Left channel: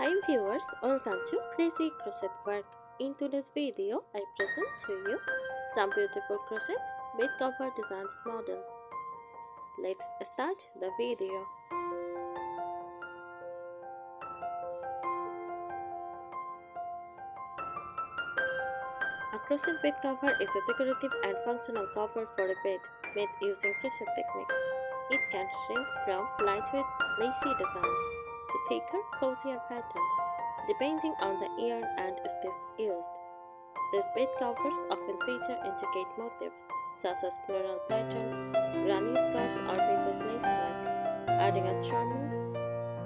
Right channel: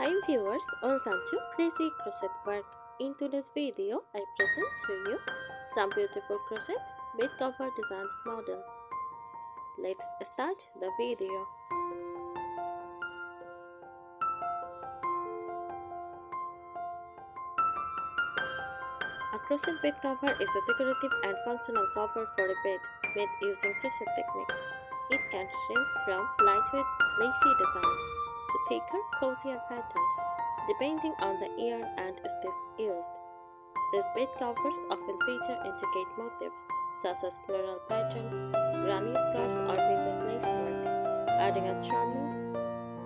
Hi viewers, welcome to Crazy Crochet Work. In today's video, I present to you some beautiful crochet bed cover designs model. Let's start the video. A crochet bed cover is a decorative and functional cover for a bed made using crochet techniques. It can range from lightweight, lacy designs to thicker, cozier patterns, depending on the yarn and stitch used. These bed covers often feature intricate motifs such as floral patterns, granny skirts, or vintage lacework, adding a charming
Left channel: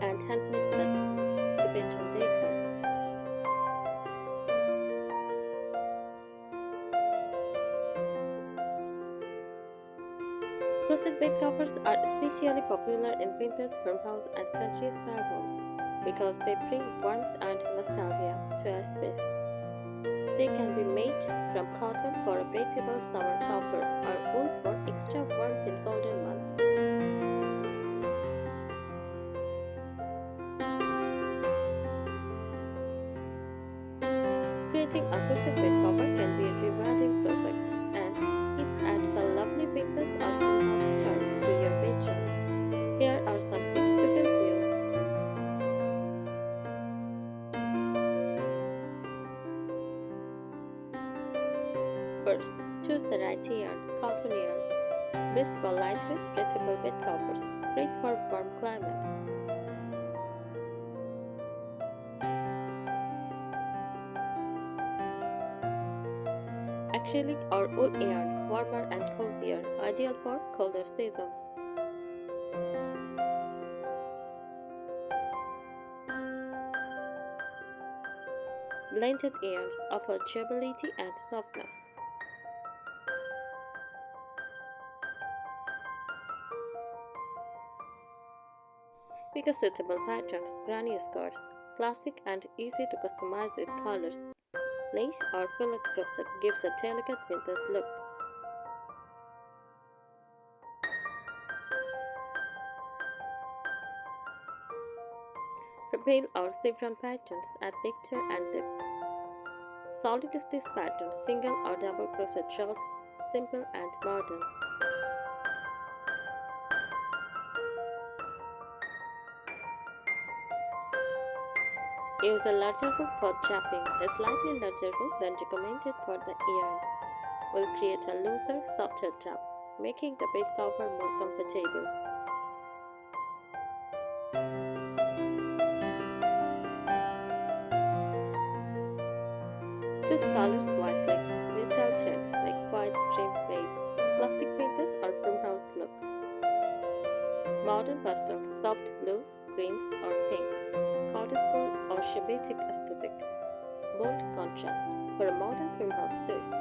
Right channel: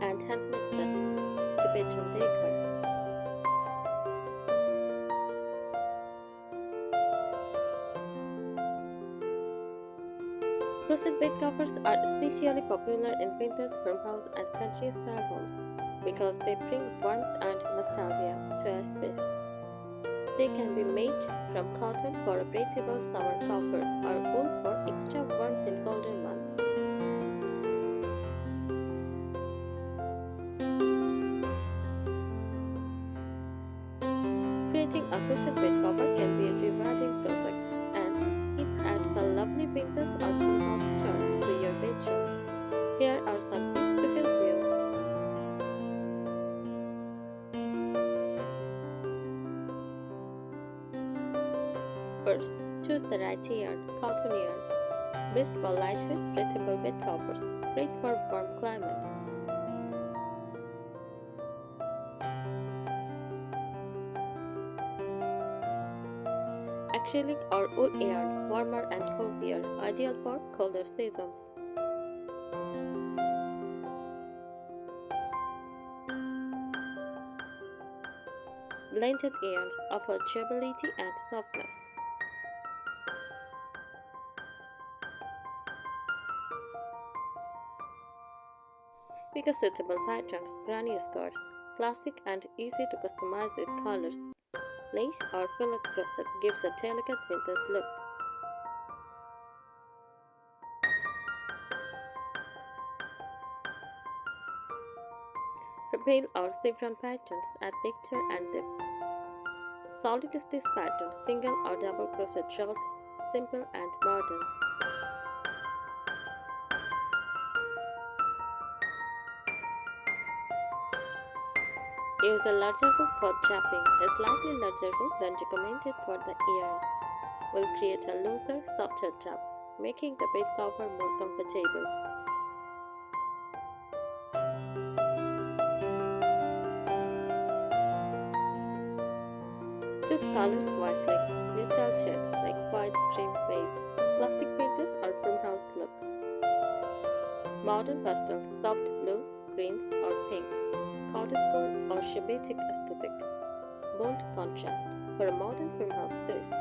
and handmade touch to bedroom decor. Crochet bed covers are especially popular in vintage farmhouse and country-style homes because they bring warmth and nostalgia to a space. They can be made from cotton for a breathable summer comfort or wool for extra warmth in colder months. Creating a crochet bed cover can be a rewarding project, and it adds a lovely vintage or farmhouse charm to your bedroom. Here are some tips to help you. First, choose the right yarn, cotton yarn, best for lightweight, breathable bed covers, great for warm climates. Acrylic or wool yarn, warmer and cozier, ideal for colder seasons. Blended yarns offer durability and softness. Pick a suitable patterns, granny skirts, classic and easy to customize with colors. Lace or fillet crochet gives a delicate vintage look. Rappel or chevron patterns add texture and depth. Solid stitch patterns, single or double crochet draws, simple and modern. Use a larger hook for chapping. A slightly larger hook than recommended for the yarn will create a looser, softer top, making the bed cover more comfortable. Choose colors wisely. Neutral shades like white, cream, beige, classic vintage or farmhouse look. Modern pastels, soft blues, greens or pinks, cottagecore or shabbatic aesthetic. Bold contrast for a modern farmhouse twist.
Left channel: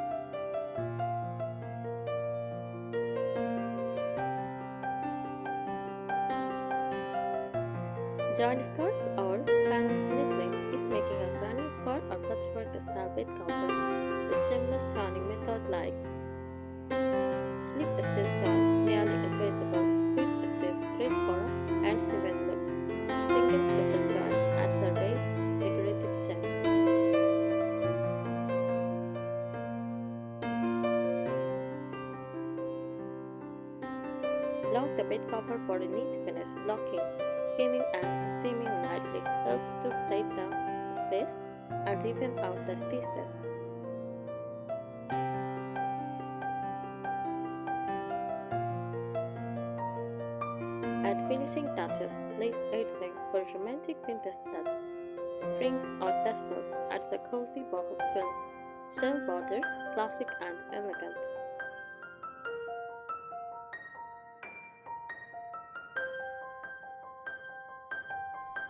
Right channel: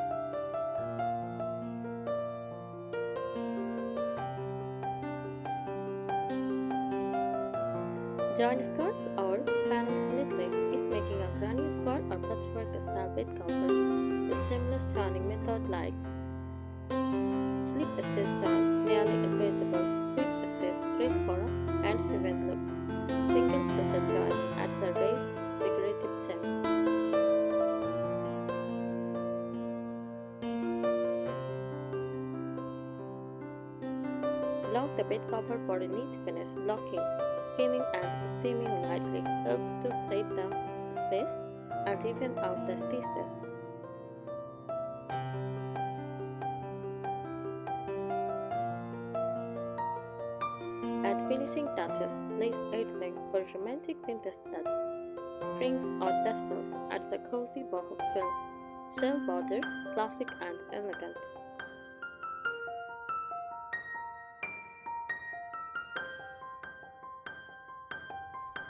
Join skirts or panels neatly if making a granny skirt or patchwork style bed cover. A seamless turning method like slip stitch turn, nearly invisible, quick stitch great for a hand-sewn look. Single crochet turn adds a raised decorative shape. Block the bed cover for a neat finish. Blocking, pinning and steaming lightly helps to save the space and even out the stitches. Add finishing touches, lace edging for romantic vintage touch. Rings or tassels adds a cozy boho feel. Shell border, classic and elegant.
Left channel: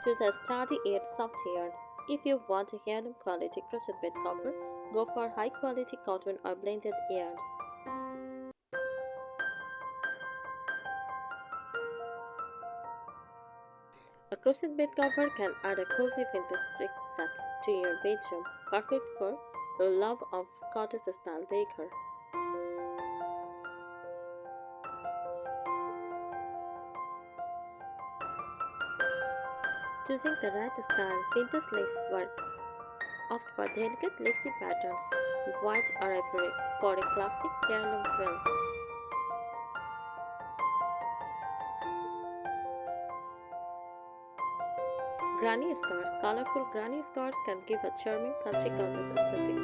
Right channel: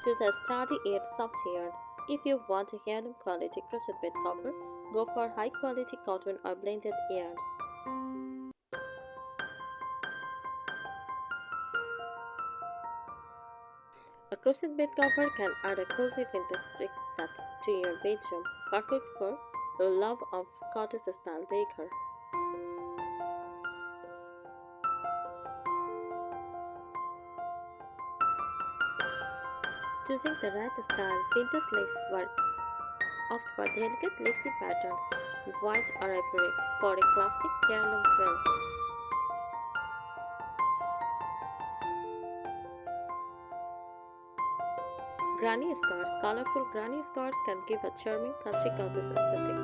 Choose a sturdy yet soft yarn. If you want a heirloom quality crochet bed cover, go for high quality cotton or blended yarns. A crochet bed cover can add a cozy vintage touch to your bedroom, perfect for your love of cottage style decor. Choosing the right style, vintage lace work, opt for delicate lacy patterns, white or ivory, for a classic heirloom feel. Granny scarves. Colorful granny scarves can give a charming country goddess aesthetic.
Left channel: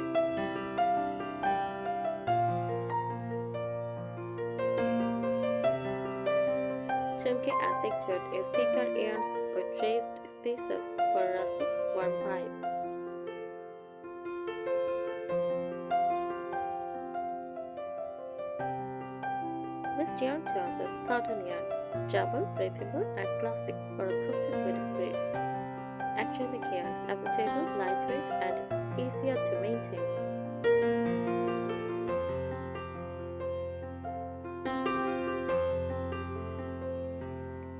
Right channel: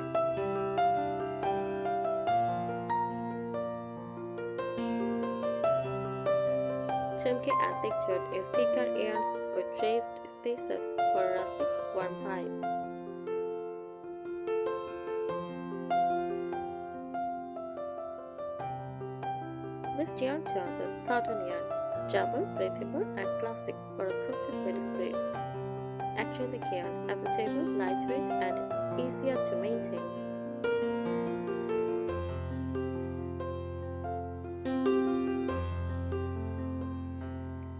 Chunky and textured is thicker yarns with traced stitches for a rustic, warm vibe. Best yarn choices: cotton yarn, durable, breathable, and classic for a crochet with spirits. Acrylic yarn, affordable, lightweight, and easier to maintain.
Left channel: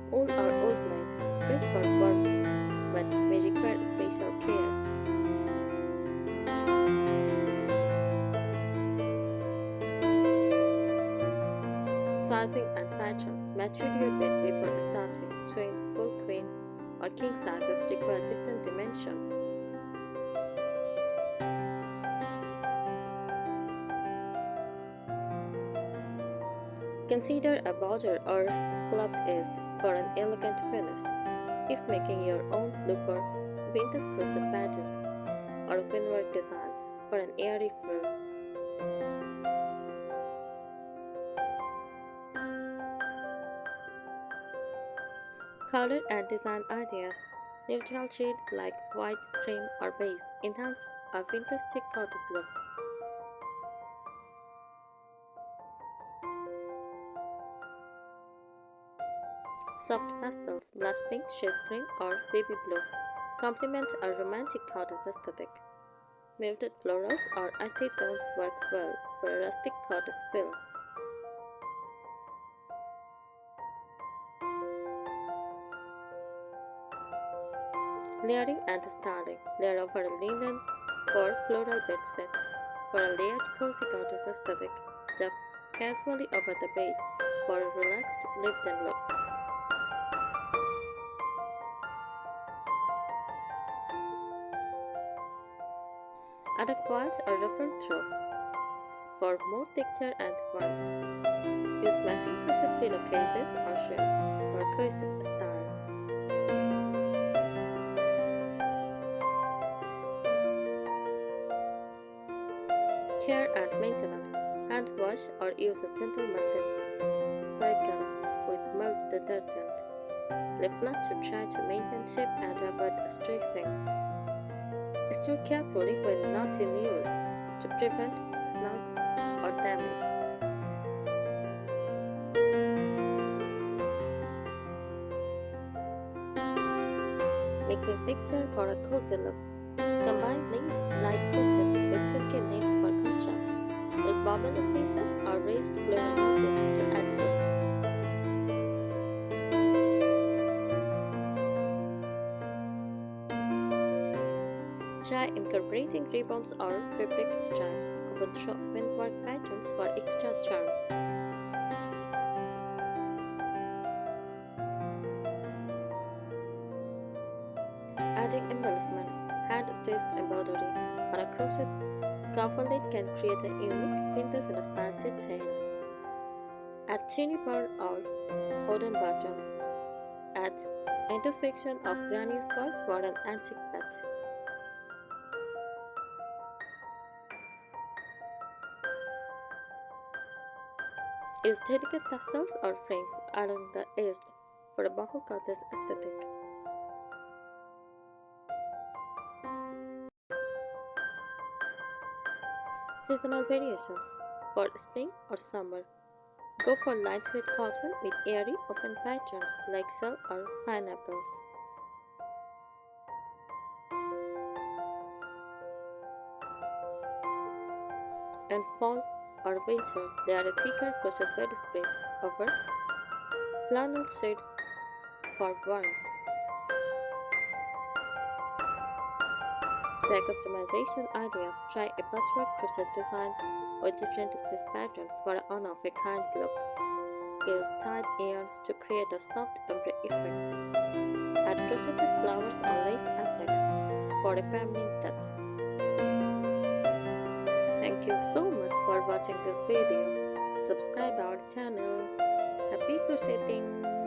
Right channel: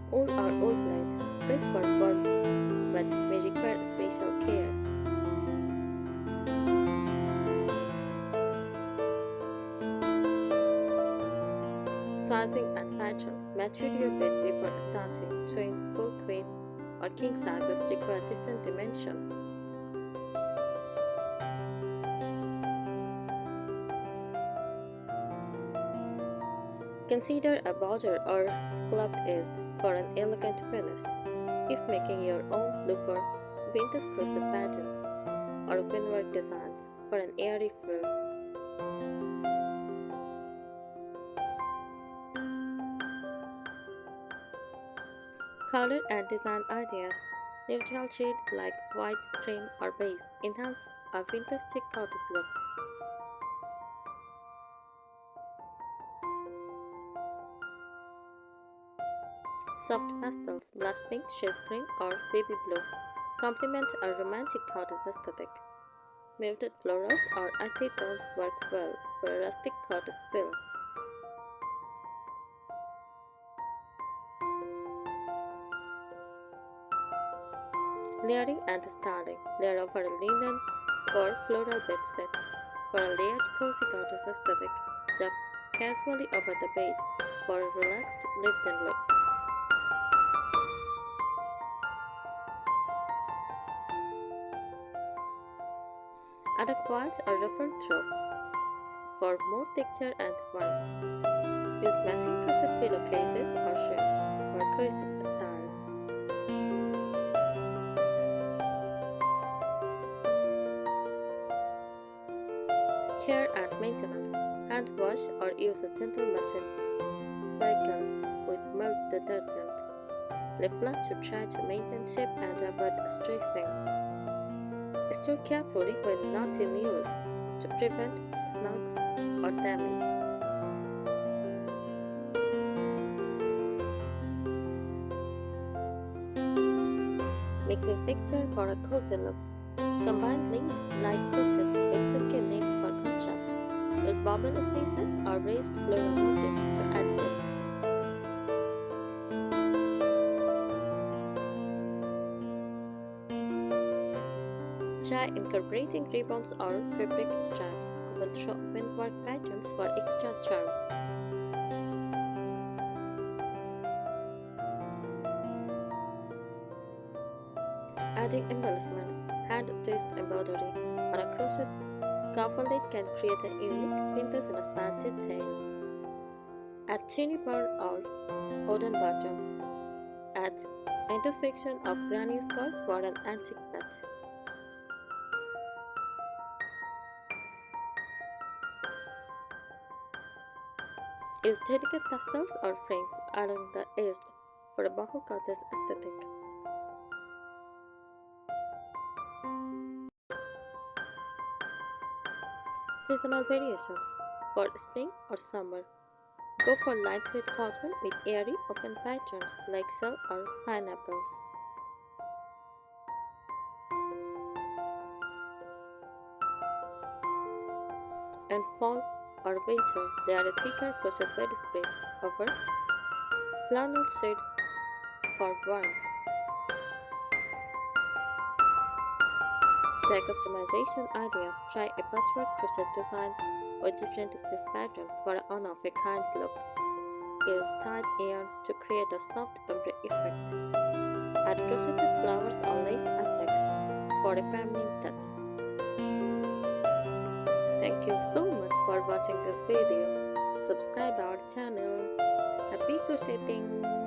Wool or wool blend, great for warm, but may require special care. Sizing and patterns. Measure your bed before starting. Twin, full queen, or king sizes require different dimensions. Consider a border or scalloped edge for an elegant finish. If making your own, look for vintage crochet patterns or windwork designs for an airy feel. Color and design ideas. Neutral shades like white, cream, or beige enhance a vintage cottage look. Soft pastels, blush pink, shades green, or baby blue complement a romantic cottage aesthetic. Muted florals or earthy tones work well for a rustic cottage feel. Layering and styling. Layer over a linen or floral bed set for a layered cozy cottage aesthetic. Drop casually over the bed for a relaxed lived-in look. Add a quilt or ruffled throw for more texture and warmth. Use matching crochet pillowcases or shrimps for cozy style. Care and maintenance. Hand wash or use a gentle machine cycle with mild detergent. Leave flat to try to maintain shape and avoid stressing. Store carefully when not in use to prevent snags or damage. Mixing texture for a cozy look. Combine lace like crochet with chunky knits for contrast. Use bubble stitches or raised floral motifs to add depth. Try incorporating ribbons or fabric stripes, often throw windwork patterns for extra charm. Adding embellishments, hand-stitched embroidery on a crochet coverlet can create a unique vintage-inspired detail. Add tiny pearl or wooden buttons. Add intersection of granny scarves for an antique touch. Use delicate tassels or fringes along the edge for a boho cottage aesthetic. Seasonal variations. For spring or summer, go for lightweight cotton with airy open patterns like shell or pineapples. And fall or winter, they are a thicker crochet bedspread over flannel shades for warmth. Try customization ideas. Try a patchwork crochet design with different stitch patterns for an one-of-a-kind look. Use tied yarns to create a soft ombre effect. Add crocheted flowers or lace applets for a feminine touch. Thank you so much for watching this video. Subscribe our channel. Happy crocheting!